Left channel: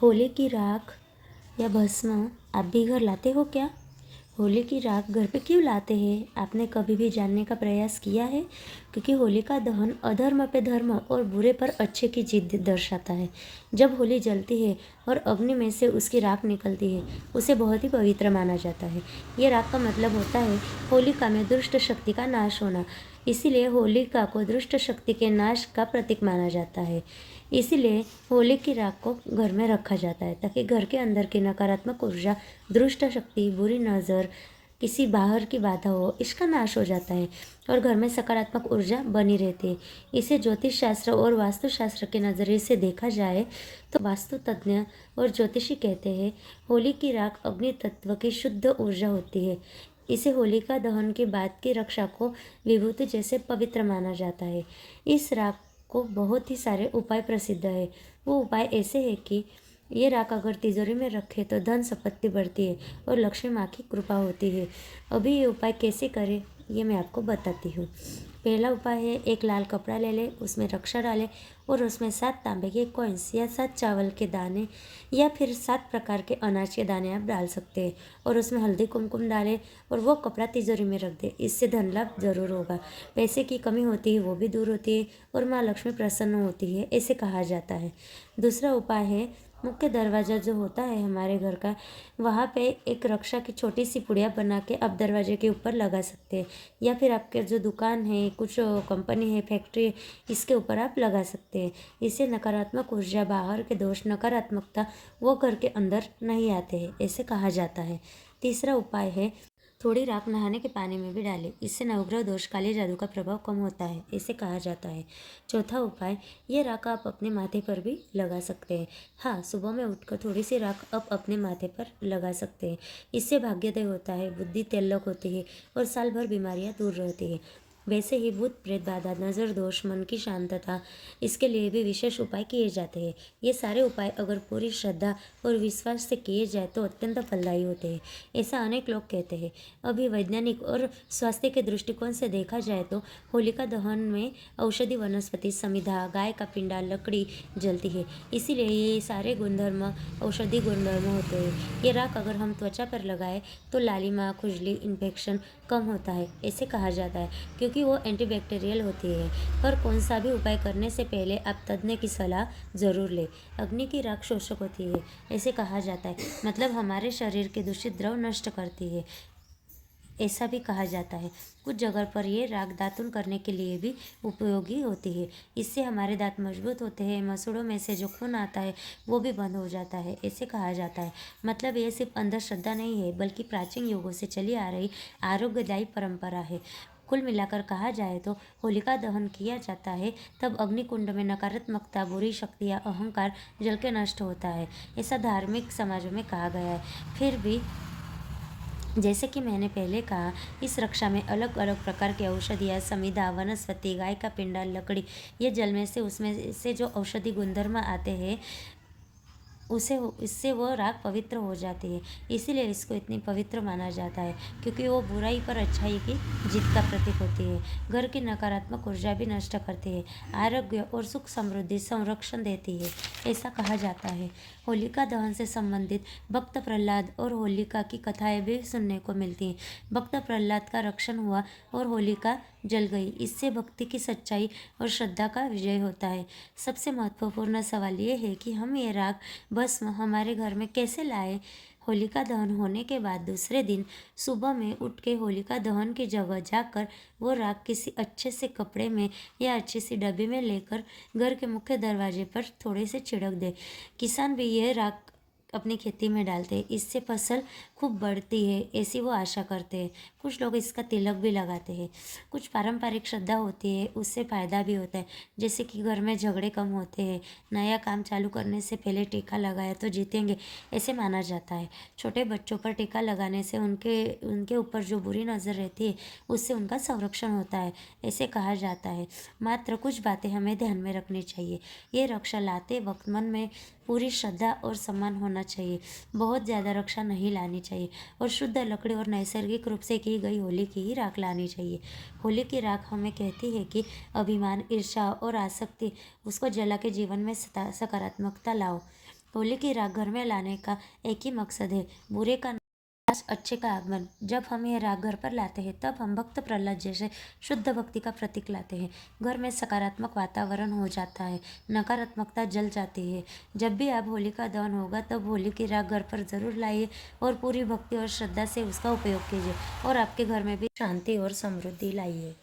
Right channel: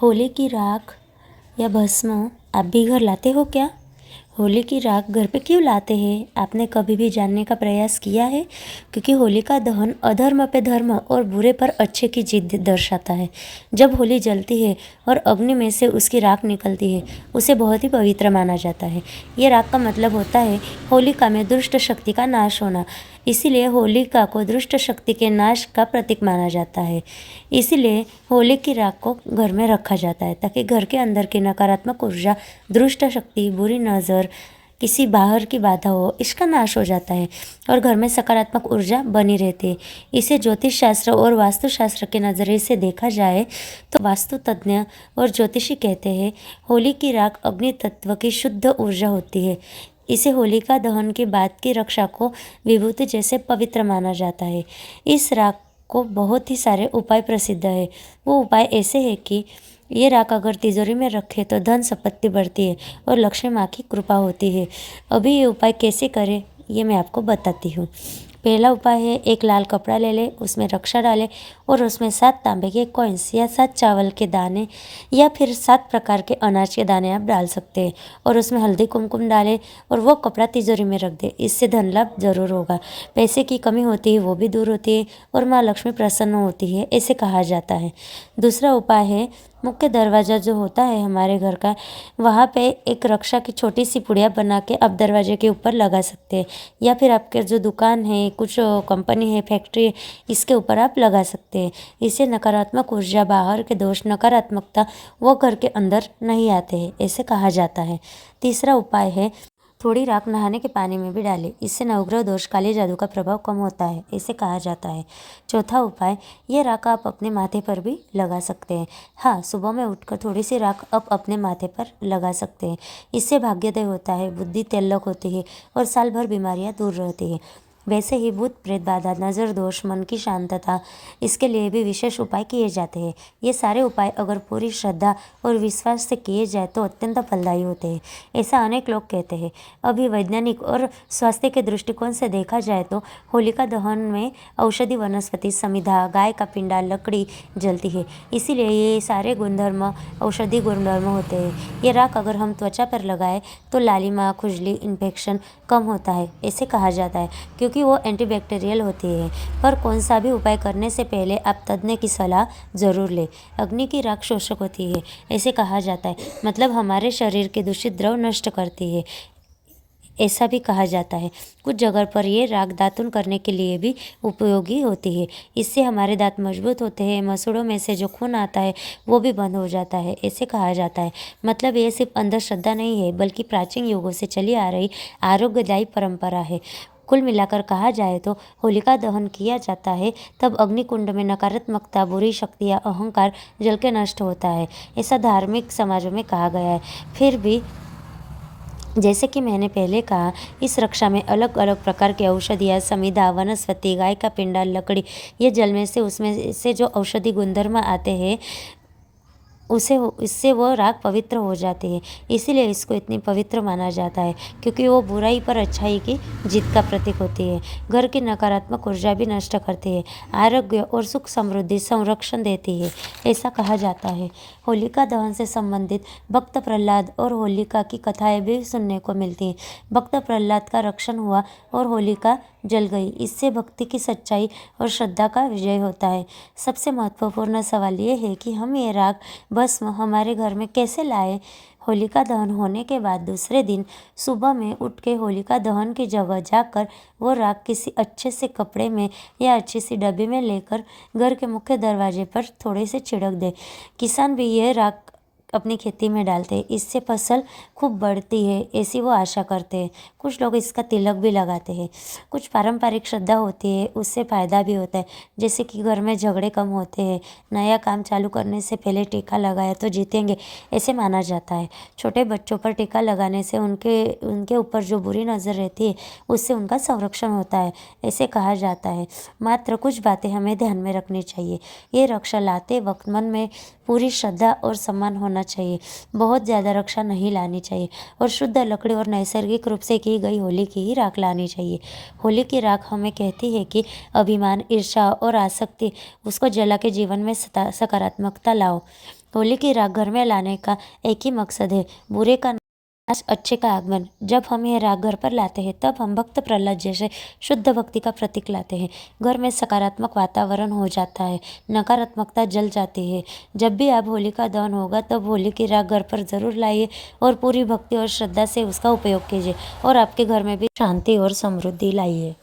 होली की राख या भस्म आप भी घर लाते हो क्या? होली की राख घर पे क्यों लाते हैं? आपने कभी भी जानने का प्रयास किया है? क्योंकि होली का दहन अधर्म पे धर्म और बुरे पर अच्छे की जीत दर्शाता है। जब होली जलती है और अग्नि में से उसकी राख निकलती है, उसे बहुत ही पवित्र माना जाता है। ये राख का मतलब होता है होलिका में दुष्ट शक्ति का नाश होना। इसीलिए होलिका को दुष्ट शक्ति के नाश का प्रतीक माना जाता है। इसीलिए होली की राख को घर में रखा जाता है ताकि घर के अंदर की नकारात्मक ऊर्जा, दुष्ट शक्ति, बुरी नज़र, किसी बाहर की बाधा हो, इसका नाश हो जाता है और घर में सकारात्मक ऊर्जा बनी रहती है। इसे ज्योतिष शास्त्र और वास्तुशास्त्र के नज़रिए से देखा जाए तो वास्तु तज्ञ और ज्योतिषी कहते हैं होली की राख अग्नि तत्व की शुद्ध ऊर्जा होती है। इसे होलिका दहन के बाद की रक्षा को विभूति जैसे पवित्र माना जाता है। इस राख को बहुत ही सारे उपाय प्रसिद्ध है। वो उपाय ऐसे है कि ये राख अगर तिजोरी में रखे तो धन संपत्ति बढ़ती है और लक्ष्मी माँ की कृपा होती है। अभी ये उपाय कैसे करें ये मैं आपको बताती हूँ। पहला उपाय है, एक लाल कपड़ा ले ले, उसमें रक्षा डाले और उसमें 7 तांबे के कॉइन्स या 7 चावल के दाने या फिर 7 प्रकार के अनाज के दाने आप डाल सकते हैं और उसमें हल्दी कुमकुम डालें और वो कपड़ा तिजोरी में रख दे। इससे धन लाभ जरूर होगा। पैसे की कमी होती है वो भी दूर होती है और माँ लक्ष्मी प्रसन्न होती है, ऐसे कहा जाता है। दूसरा उपाय है, मुख्य दरवाज़ा जो होता है हमारे घर का, वहाँ पे एक रक्षा की छोटी सी पुड़िया बना के आप दरवाजे के ऊपर लगा सकते हैं या फिर आपके जो दुकान है, कुछ कंपनी है, फैक्ट्री है, इसके ऊपर आप लगा सकते हैं। इससे नकारात्मक ऊर्जा, बाहर के दोष, नकारात्मकता वो घर के अंदर नहीं आते हैं, ऐसे कहा जाता है। तीसरा उपाय है, थोड़ी राख नहाने के पानी में भी डालें। इससे नवग्रह दोष, काले जादू का प्रभाव कम होता है, ऐसे कहा जाता है। चौथा उपाय, ये राख आप अपने माथे पर भी लगा सकते हैं। हाँ, सुबह में उठकर थोड़ी सी राख आप अपने माथे पर लगा सकते हैं। इससे भाग्योदय होता है, बुद्धि तेलक होती है और साल भर बीमारियाँ दूर रहती है। वैसे ही भूत प्रेत बाधा, नज़र दोष, मन की शांतता, इसके लिए भी विशेष उपाय किए जाते हैं। ये सारे उपाय अगर पूरी श्रद्धा और विश्वास से किए जाए तो अत्यंत फलदायी होते हैं, ऐसा अनेक लोग कहते हैं। अभी वैज्ञानिक और स्वास्थ्य के दृष्टिकोण से देखा जाए तो होलिका दहन में औषधि वनस्पति, समिधा, गाय का पिंडा, लकड़ी जलती है। इसीलिए ये सारे गुणधर्म औषधि गुणधर्म होते हैं। ये राख अगर हम त्वचा पर लगाए तो लालिमा, खुजली, इन्फेक्शन कम होता है, ऐसे कहा जाता है, क्योंकि वो एंटीबैक्टीरियल होती है। पर कौन सा भी उपाय करने से पहले आप तज्ञ की सलाह जरूर लें। अग्नि की राख शोषक होती है, ऐसे कहा जाता है, मतलब हमारे शरीर के दूषित द्रव नष्ट करती है, ऐसा भी कहा जाता है। कुछ जगह पर ये राख दातुन करने के लिए भी उपयोगी होती है। इससे हमारे दांत मजबूत होते हैं, मसूड़ों में से जो खून आता है वो भी बंद हो जाता है, ऐसे कहा जाता है। मतलब ये सिर्फ अंधश्रद्धा नहीं है, बल्कि प्राचीन युगों से चली आ रही आरोग्यदायी परंपरा है। कुल मिलाकर कहा जाए तो होलिका दहन किया जाता है तब अग्निकुंड में नकारात्मकता, बुरी शक्तियाँ, अहंकार जल के नष्ट होता है, ऐसा धार्मिक समाजों में कहा गया है। फिर भी जैसे कि मैंने पहले कहा, इस रक्षा में अलग अलग प्रकार की औषधियाँ, समिधा, वनस्पति, गाय का पिंडा, लकड़ी, ये जल में से उसमें से जो औषधि गुणधर्म आते हैं इससे वो राख पवित्र हो जाती है। इसीलिए इसको इतनी पवित्र माना जाता है, क्योंकि वो बुराई पर अच्छाई की जीत का प्रतीक होती है। घर की नकारात्मक ऊर्जा भी नष्ट करती है, आरोग्य और सुख समृद्धि संरक्षण देती है, ऐसा कहा जाता है। होलिका दहन से संबंधित भक्त प्रहलाद और होलिका की कथाएं भी सुनने को मिलती हैं। भक्त प्रहलाद का रक्षण हुआ और होलिका जल गई। इससे भक्ति की सच्चाई और श्रद्धा का विजय होता है। सबसे महत्वपूर्ण सवाल ये है कि हम ये राख भस्म हमारे घर में कैसे लाए। होलिका दहन होने के बाद दूसरे दिन सुबह में उठ के होलिका दहन की जगह जाकर वो राख किसी अच्छे से कपड़े में या अच्छी सी डब्बी में लेकर घर के मुख्य दरवाजे पर थोड़े से छिड़क दे। किसान भी ये राख अपनी खेती में डालते हैं, इससे फसल खूब बढ़ती है, ऐसी वो आशा करते हैं। कुछ लोग इसका तिलक भी लगाते हैं। कुछ पारंपरिक श्रद्धा होती है, उससे फ़ायदा भी होता है, जैसे कि घर में झगड़े कम होते हैं, नया काम चालू करने से पहले टीका लगाया तो जीतेंगे, ऐसे माना जाता है। छोटे बच्चों पर टीका लगाने से उनके ऊपर जो बुरी नज़र रहती है उससे उनका संरक्षण होता है, ऐसे कहा जाता है। मात्र कुछ बातें हमें ध्यान में रखनी चाहिए। ये रक्षा लाते वक्त मन में पूरी श्रद्धा और सम्मान होना चाहिए। बहुत ज़्यादा रक्षा नहीं लानी चाहिए और शुद्ध लकड़ी और नैसर्गिक रूप से की गई होली की ही राख लानी चाहिए। होली की राख हमें कहती है कि अभिमान, ईर्ष्या और आसक्ति उसको जला के जीवन में सकारात्मकता लाओ। होली की राख घर में लाने का एक ही मकसद है, बुरे का नाश, अच्छे का आगमन। जब हम यह राख घर पर लाते हैं तब हम भक्त प्रहलाद जैसे शुद्ध भक्ति का प्रतीक लाते हैं। घर में सकारात्मक वातावरण हो जाता है, नकारात्मकता जल जाती है। जब भी आप होली का दहन होगा तब होली की राख घर पर ज़रूर लाइए और पूरी भक्ति और श्रद्धा से उसका उपयोग कीजिए और आपके घर में भी शांति और समृद्धि लाइए।